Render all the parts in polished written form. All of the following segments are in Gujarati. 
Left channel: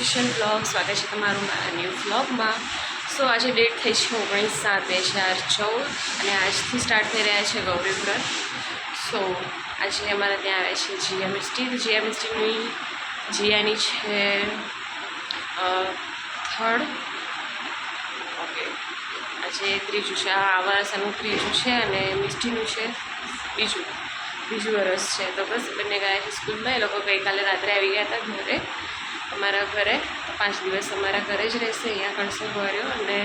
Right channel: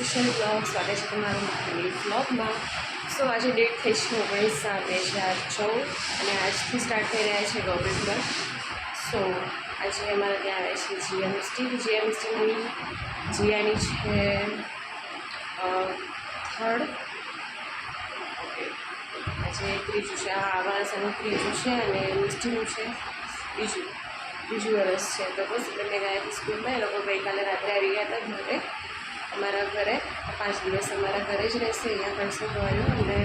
ન્યુટ્રિશન વ્લોગ સ્વાગત છે તમારું મારા ન્યૂ વ્લોગમાં. સો આજે ડેટ થઈ છે 19/7/2014 અને આજથી સ્ટાર્ટ થઈ રહ્યા છે ગૌરી વ્રત. સો આજે અમારા ત્યાં આવે છે જીયા મિસ્ટી. તો જીયા મિસ્ટીની જીયાની છે 3rd. ઓકે, આજે ત્રીજું છે. આ વર્ષનું ત્રીજું છે અને મિસ્ટીનું છે બીજું વરસ છે. તો બસ બંને ગયા છે સ્કૂલમાં. એ લોકો ગઈકાલે રાત્રે આવી ગયા હતા ઘરે, અમારા ઘરે. 5 દિવસ અમારા ઘરે જ રહેશે, અહીંયા કરશે ભર્યો. અને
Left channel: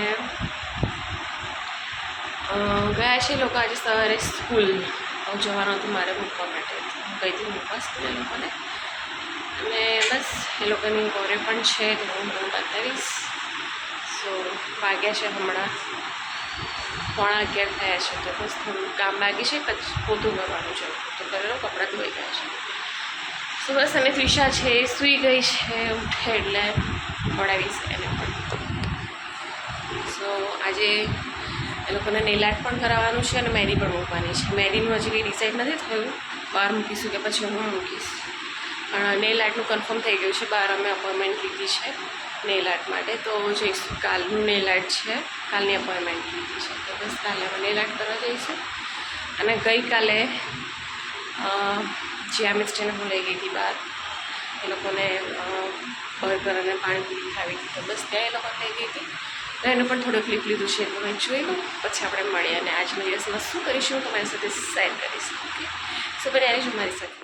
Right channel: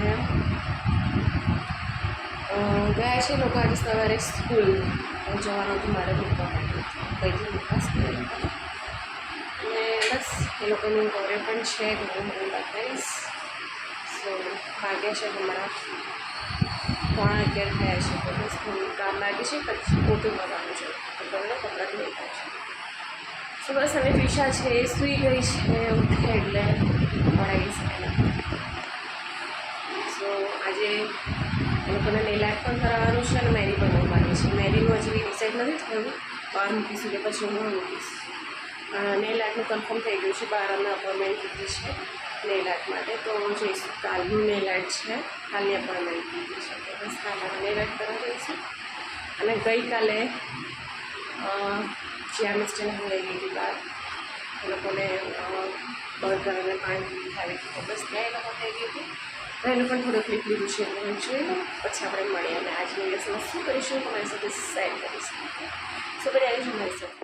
ગયા છે એ લોકો આજે સવારે સ્કૂલ જવાનું હતું મારે મૂકવા માટે. કઈથી મૂકવા સ્કૂલ એ લોકોને. અને બસ એ લોકોની ઘરે પણ છે તો હું બતાવીશ. સો વાગ્યા છે હમણાં 11:15 થયા છે. તો બસ થોડું કામ બાકી છે, પોતું કરવાનું છે. તો કરેલો, કપડાં ધોઈ ગયા છે. સો બસ અને ત્રિષા છે એ સૂઈ ગઈ છે, ઉઠે એટલે પડાવીશ એને પણ. સો આજે એ લોકોને નેલ આર્ટ પણ કરાવવાનું છે અને મહેંદી પણ મૂકવાની છે. મહેંદીનું હજી કંઈ ડિસાઇડ નથી થયું, બહાર મૂકીશું કે પછી હું મૂકીશ. પણ નેલ આર્ટનું કન્ફર્મ થઈ ગયું છે. બહાર અમે અપોઇન્ટમેન્ટ લીધી છે નેલ આર્ટ માટે. તો જઈશું. કાલનું નેલ આર્ટ છે, કાલની અપોઇન્ટમેન્ટ લીધી છે. તો બસ કાલે અમે નેલ આર્ટ કરવા જઈશું. અને ગઈકાલે જ્યાં મિસ્ટરને હું લઈ ગઈ હતી બહાર, એ લોકોને બર્ગર અને પાણીપુરી ખાવી હતી. તો બસ ત્યાં એ લોકો લઈ ગઈ હતી. તો એને પણ થોડું ક્લિપ લીધું છે, તો મેં જોઈ લઉં. પછી આપણે મળીએ અને આજના દિવસમાં શું કરીશું તમારી સાથે શેર કરીશ. ઓકે, સો કરી આવીશું મારી સાથે.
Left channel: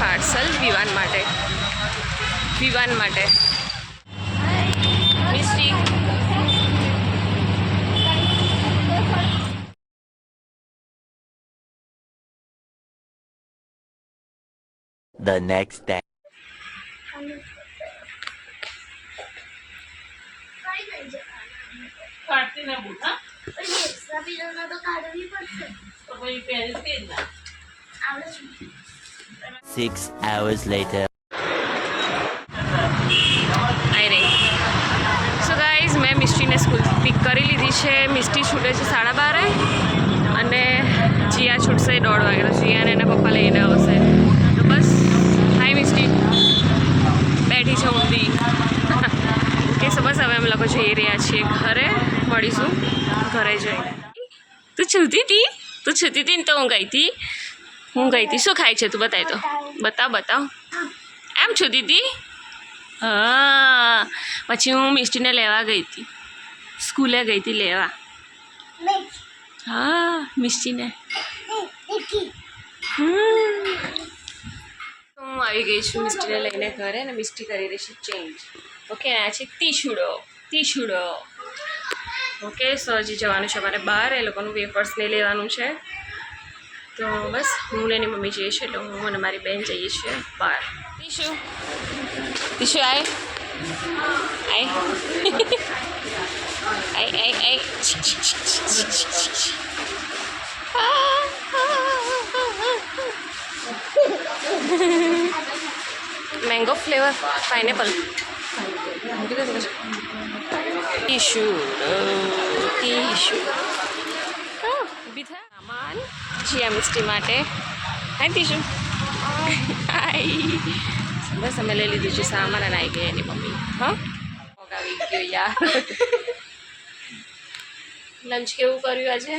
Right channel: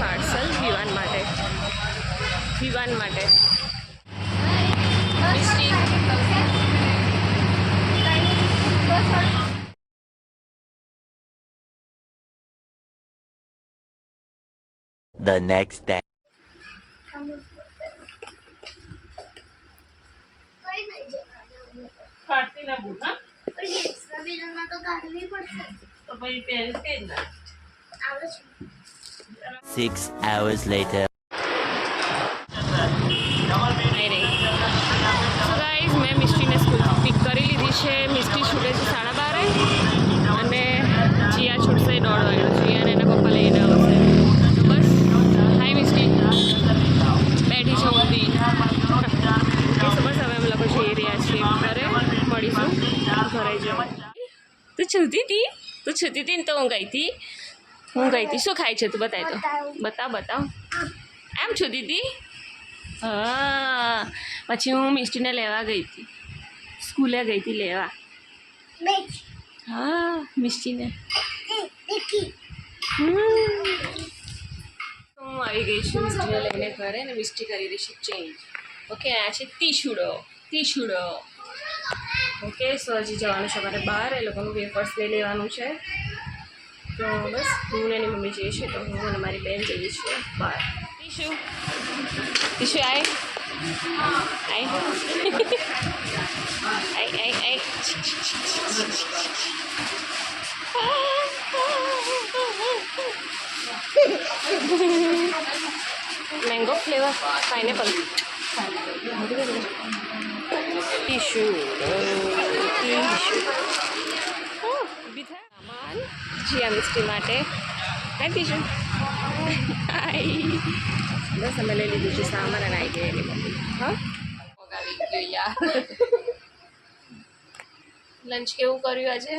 પાર્સલ વિવાન માટે મિસ્ટી. The next day. કાઢતી ના બુટ, હા? તો કાઢવી પડશે. તો પછી પહેરતી જ ના. આવડે છે. 6 hours later. આવી રહી. સો ગાઈઝ, મેં મિસ્ટીને સ્કૂલથી પિક કરી લીધી છે. મિસ્ટી છૂટે છે 12:30 અને જીયા છૂટશે 1:30 વાગે. જીયાને એના પપ્પા લઈને આવશે. તો બસ, હાય મિસ્ટી, બેઠી છે ઊંધી. કે સો બસ હવે અમે લોકો જઈ રહ્યા છીએ ઘરે. મળીશું ઘરે જઈને. તું છૂતી હતી ને? તો હું ગઈ હતી. શું ખાય છે તું? બતાવી તો, બતાવ. એમ છૂતી હતી? હા. પછી હું મિસ્ટીને લેવા ગઈ હતી, સ્કૂલે ગઈ હતી લેવા. હા, મિસ્ટીને. હું આવી ગઈ છું મિસ્ટીને લઈને ઘરે અને મિસ્ટી કરી રહી છે ચેન્જ. ઓકે, આ છે ટીશુડો. ઓકે, સો હજી જવાનું છે અમારે બહાર. એ લોકોનું વેફર્સ લઈ લેવાનું છે. તો બસ હું ને એની મમ્મી જઈએ છીએ. તો હું અને મારી બેન જઈએ છીએ બહાર. ટીશુ આય. Mango flavour, pineapple. ટીશુ ઊભી થાય. સામાન જીયા મિસ્ટી માટે. હાય ટીશુ. હાય. બસ અમે લઈ લીધું છે સામાન અને આવી ગઈ એની મમ્મી. હા, આવી ગયો યાર. લંચ કેવું કર્યું આજે?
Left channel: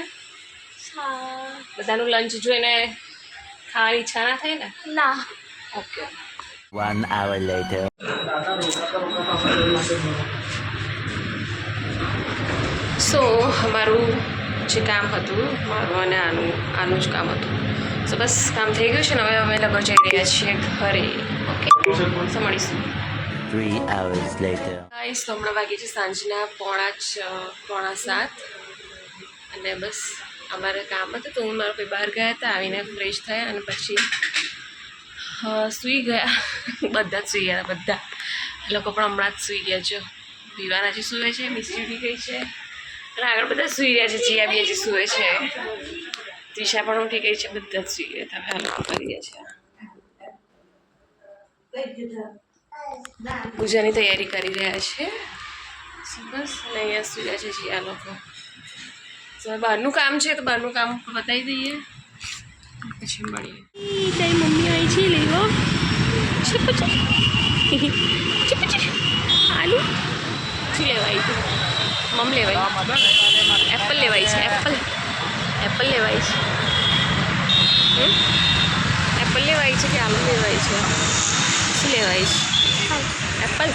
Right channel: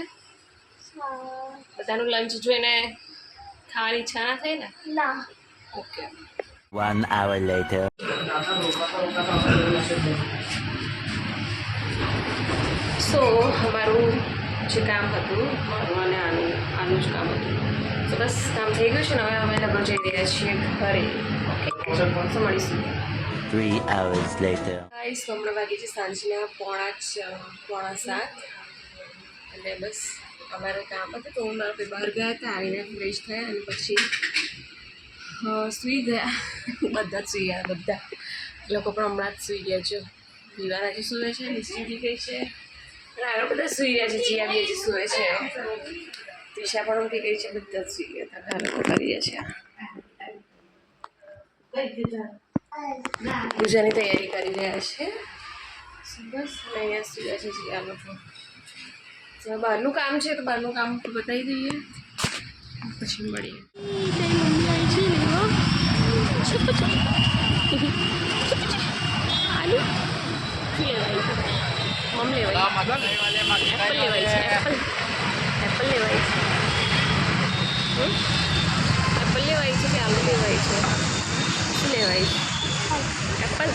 બધાનું લંચ જોઈને ખાવાની ઈચ્છા ના થઈ ને? ના. Okay 1 hour later. સો અમારું જે કામ હતું મારું અને આનું જ કામ હતું. સો બસ કામ થઈ ગયું છે ને હવે અમે લગભગ જઈ રહ્યા છીએ ઘરે. ઓકે સો મળીશું. 3 hours later. ગાઈસ તો હમણાં વાગી છે સાંજના 6:45 અને બસ અમારે કામ હતું તો હું મારા ભાઈ બહાર ગયા હતા, આવીને ફ્રેશ થયા અને પછી સૂઈ ગયા. બધા જ સૂઈ ગયા, બધા એ લોકો પણ હમણાં જ સૂઈ ગયા. જો વિવાન હજી સૂવે છે, મિસ્ટી ઉઠી ગઈ છે અને આગળ બધા સૂઈ રહ્યા છે. જીયા બી હજી સૂવે છે, તિશા પણ ઉઠી ગઈ છે, બધા જ સૂઈ ગયા હતા. હાલ કરીએ છીએ પૂજાની તૈયારી કરી રહ્યા છે. બસ અને અહીંયા સૂઈ રહ્યા છે જીયા લોકો. તો બહારનું કામ છે તો બહારનું કામ બતાવી દઈએ પછી મળીએ. તારી મમ્મી આવી છે લેવો આલુ શું લેવાય છે? મમ લેવાય, એપલ લેવાય છે. એપલ લેવાય છે. એપલ લેવાય છે કે આલુ લેવાય છે? શું લેવાય છે? એપલ.